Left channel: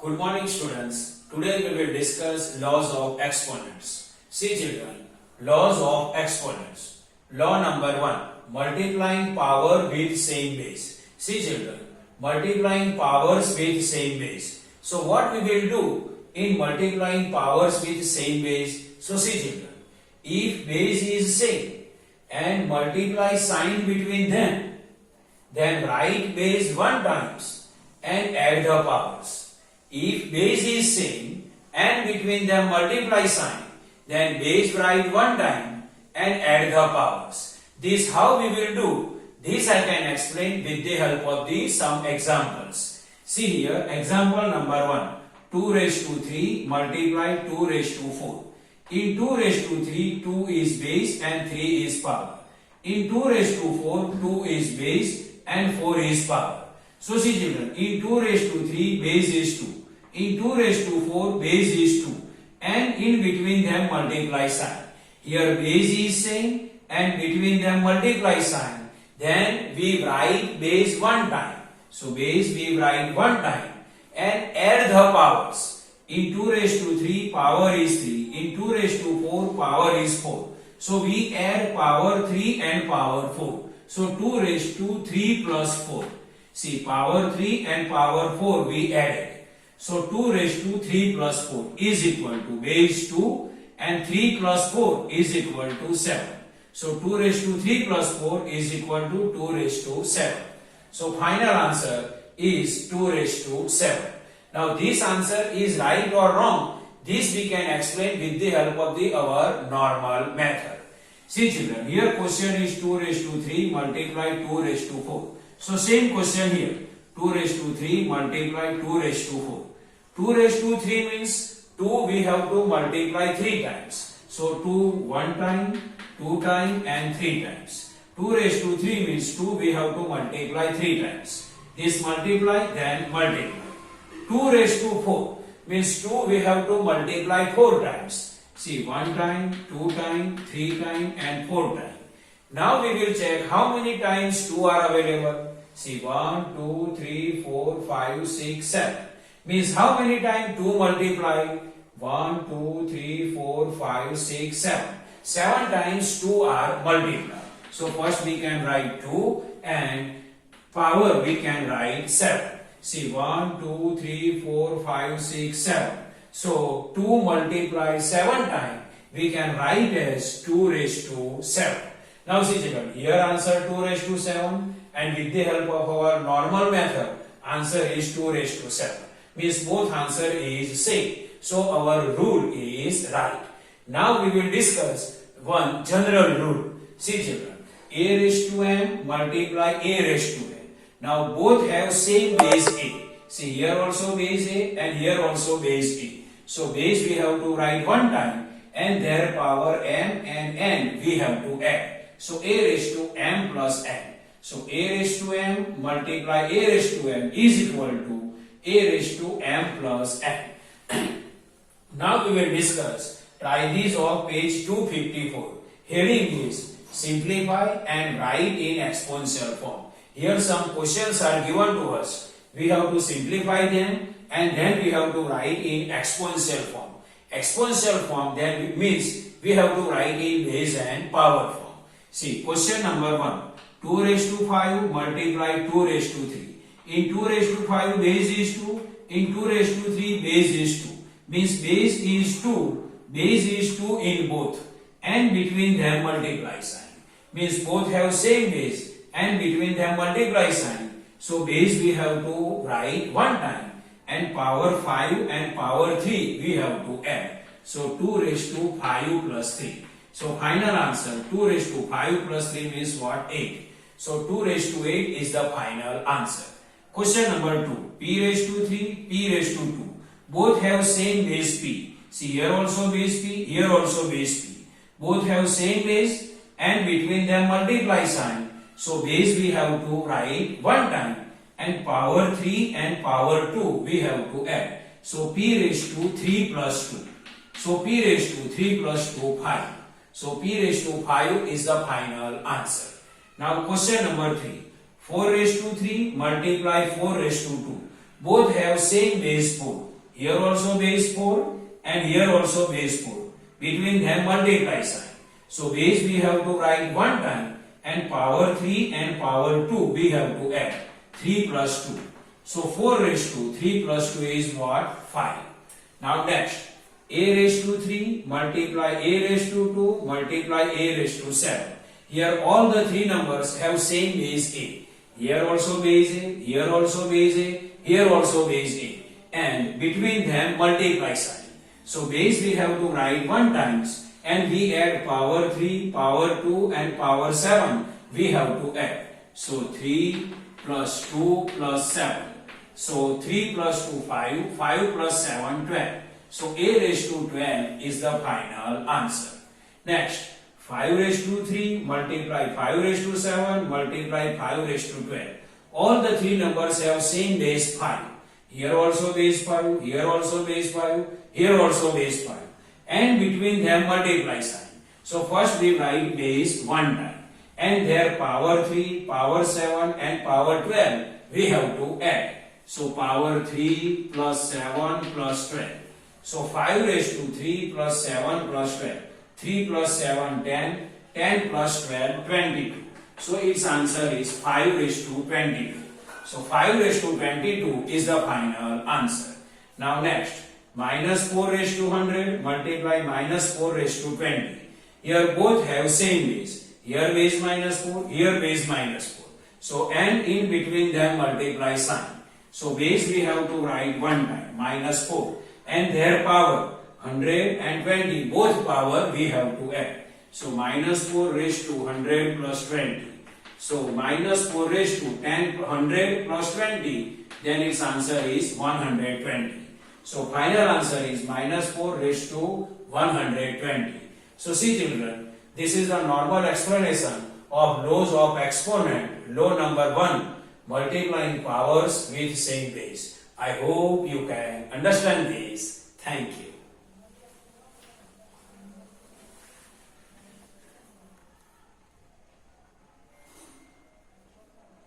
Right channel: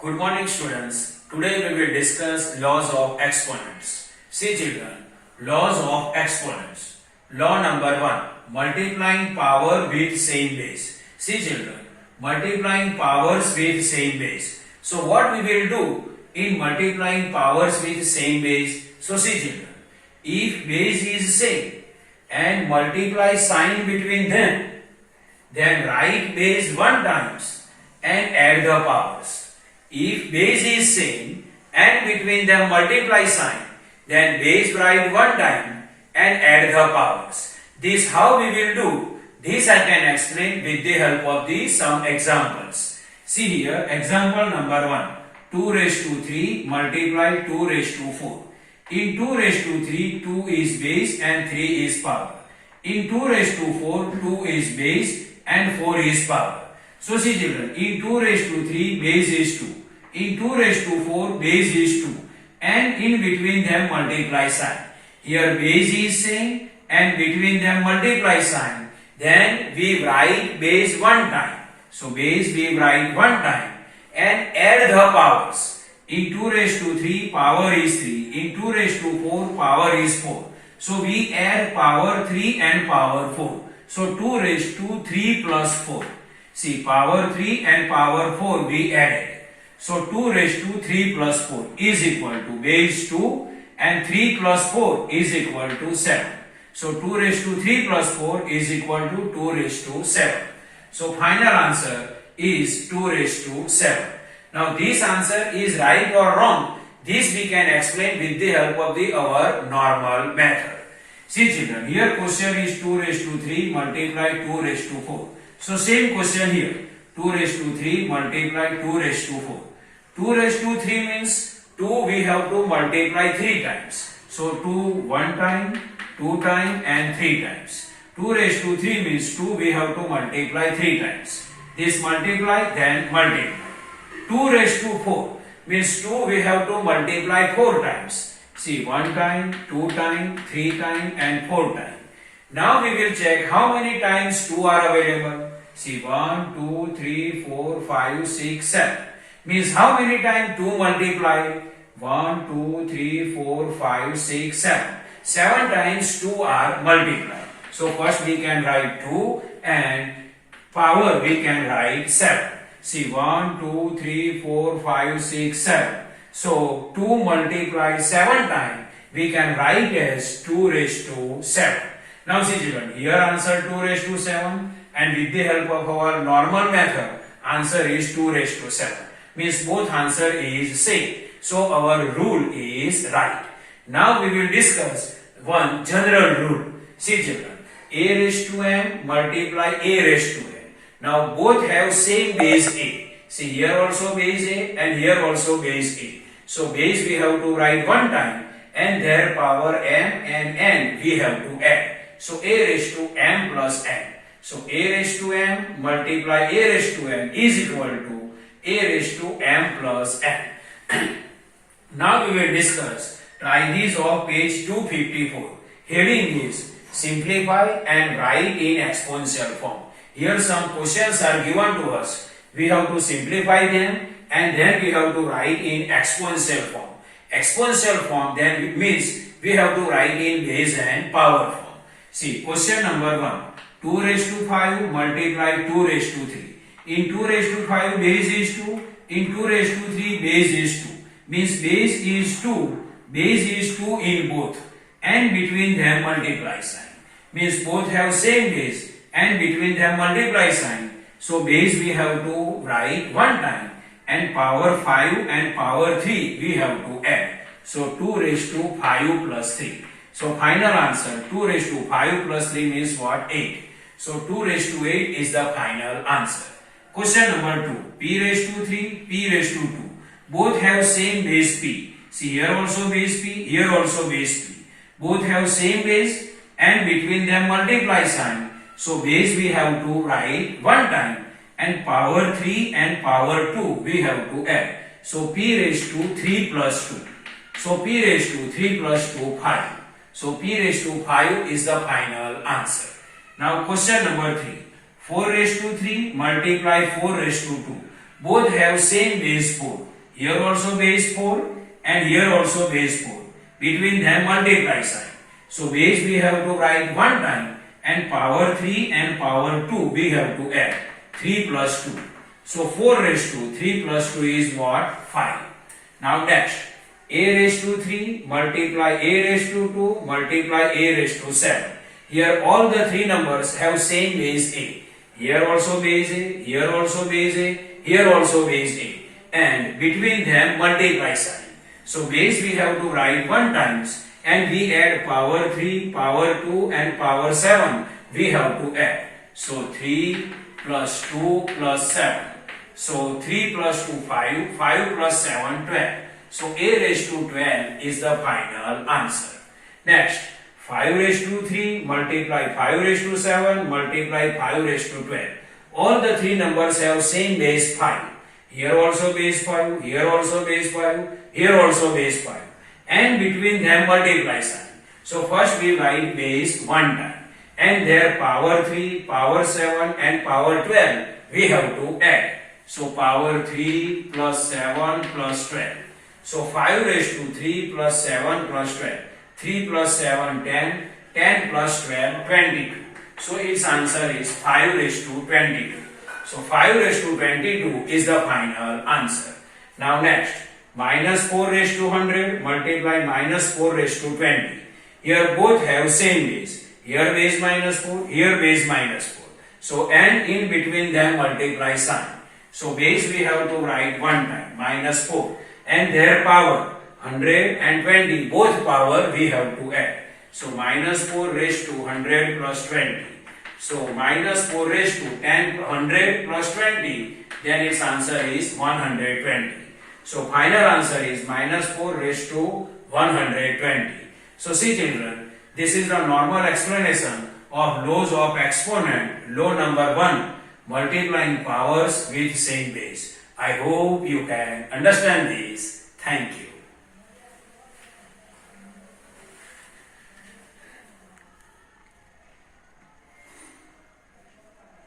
Good morning, students. Today we will discuss laws of exponents. See children, laws of exponents. Law number 1, multiplying power with same base. See children, multiplying powers with same base. So what we will do in multiplying powers with same base? So see children, if base is same and multiply sign between them, then write base 1 times and add the powers. If base is same and between them multiply sign, then base write 1 time and add the powers. This how we will do. This I can explain with the help of some examples. See here, example number 1. 2 raised to 3 multiply 2 raised to 4. In 2 raised to 3, 2 is base and 3 is power. In 2 raised to 4, 2 is base and 4 is power. So see children, in 2 raised to 3, base is 2. In 2 raised to 4, base is 2. And in between them multiply sign. Here base is same and between them multiply sign. Then we write base 1 time. So base we write 1 time and add the powers. In 2 raised to 3, power is 3. In 2 raised to 4, power is 4. So we add power 3 and power 4. So 2 raised to 3 plus 4. See, power 3 and power 4 we added. So 2 raised to 3 plus 4 is equal to base 2 and 3 plus 4 is equal to 7. So 2 raised to 3 plus 4 is equal to 2 raised to 7. So final answer is 2 raised to 7. Now this answer is right or wrong. This we can explain with the help of our normal method. See children, here question is 2 raised to 3 multiply 2 raised to 4. So same question here, 2 raised to 3 multiply 2 raised to 4. 2 raised to 3 means 2 we have to multiply 3 times. So 2 1 time, 2 time and 3 times. 2 raised to 3 means 2 we have to multiply 3 times. This multiply then multiply. 2 raised to 4 means 2 we have to multiply 4 times. See 1 time, 2 time, 3 time and 4 time. Now we will check how many times 2 are available. See 1, 2, 3, 4, 5, 6, 7. Means how many times 2 multiply? 1, 2, 3, 4, 5, 6, 7. 7 times 2 are multiplied. So first we can write 2 and power we can write 7. See 1, 2, 3, 4, 5, 6, 7. So 2 multiplied 7 times we can write as 2 raised to 7. Now see children, here answer 2 raised to 7 and with the help of our normal method, answer is 2 raised to 7. Means both answer is same. So our rule is right. Now we will discuss one general rule. See children, a raised to m multiply a raised to n. Now both have same base a. See here also base a and here also base a. So base we have to write 1 time and their power m and n we have to add. So a raised to m plus n. So a raised to m multiply a raised to n is equal to a raised to m plus n. Now we will discuss trithees of page 254. Heading is simplify and write in exponential form. Here some questions are given to us. We have to simplify them and then we have to write in exponential form. Exponential form then means we have to write in base and power form. See, question number 1. 2 raised to 5 multiply 2 raised to 3. In 2 raised to 5 base is 2. In 2 raised to 3 base is 2. Means base is 2. Base is 2 in both. And between them multiply sign. Means both have same base and between them multiply sign. So base we have to write 1 time and power 5 and power 3 we have to add. So 2 raised to 5 plus 3. So final answer 2 raised to 5 plus 3 means what? 8. So 2 raised to 8 is the final answer. Question number 2. P raised to 3, P raised to 2. Both have same base P. See here also base P, here also base P. Both have same base and between them multiply sign. So base we have to write 1 time and power 3 and power 2 we have to add. So P raised to 3 plus 2. So P raised to 3 plus 2, 5. So P raised to 5 is the final answer. Now question number 3. 4 raised to 3 multiply 4 raised to 2. both have same base 4. Here also base 4 and here also base 4. Between them multiply sign. So base we have to write one time and power 3 and power 2 we have to add. 3 plus 2. So 4 raised to 3 plus 2 is what? 5. Now next, a raised to 3 multiply a raised to 2 multiply a raised to 7. Here all the three numbers have same base a. Here also base a, here also base a, here also base a. And between them multiply sign. So base we have to write one times and we add power 3, power 2 and power 7 we have to add. So 3 plus 2 plus 7. So 3 plus 2 5, 5 plus 7 12. So a raised to 12 is the final answer. Next, 5 raised to 3 multiply 5 raised to 7 multiply 5 raised to 12. All the three numbers have same base 5. Here also base 5, here also base 5, here also base 5. And between them multiply sign. So first we write base one time. And their power 3, power 7 and power 12 we have to add. So power 3 plus 7 plus 12. So 5 raised to 3 plus 7 plus 12. 3 plus 7 10, 10 plus 12 22. So its answer is 5 raised to 22. So 5 raised to 22 is the final answer. Now next, minus 4 raised to 100 multiply minus 4 raised to 20. Here both have same base. Here base minus 4, here base minus 4. So and in between them multiply sign. So base we have to write one time, minus 4. And their power, 100 and 20, both power we have to add. So minus 4 raised to 100 plus 20. So minus 4 raised to 10, 100 plus 20, then its answer is 120. So final answer is minus 4 raised to 120. So see children, this is the normal explanation of laws of exponent, law number 1, multiplying powers with same base. I hope you can understand this. Thank you.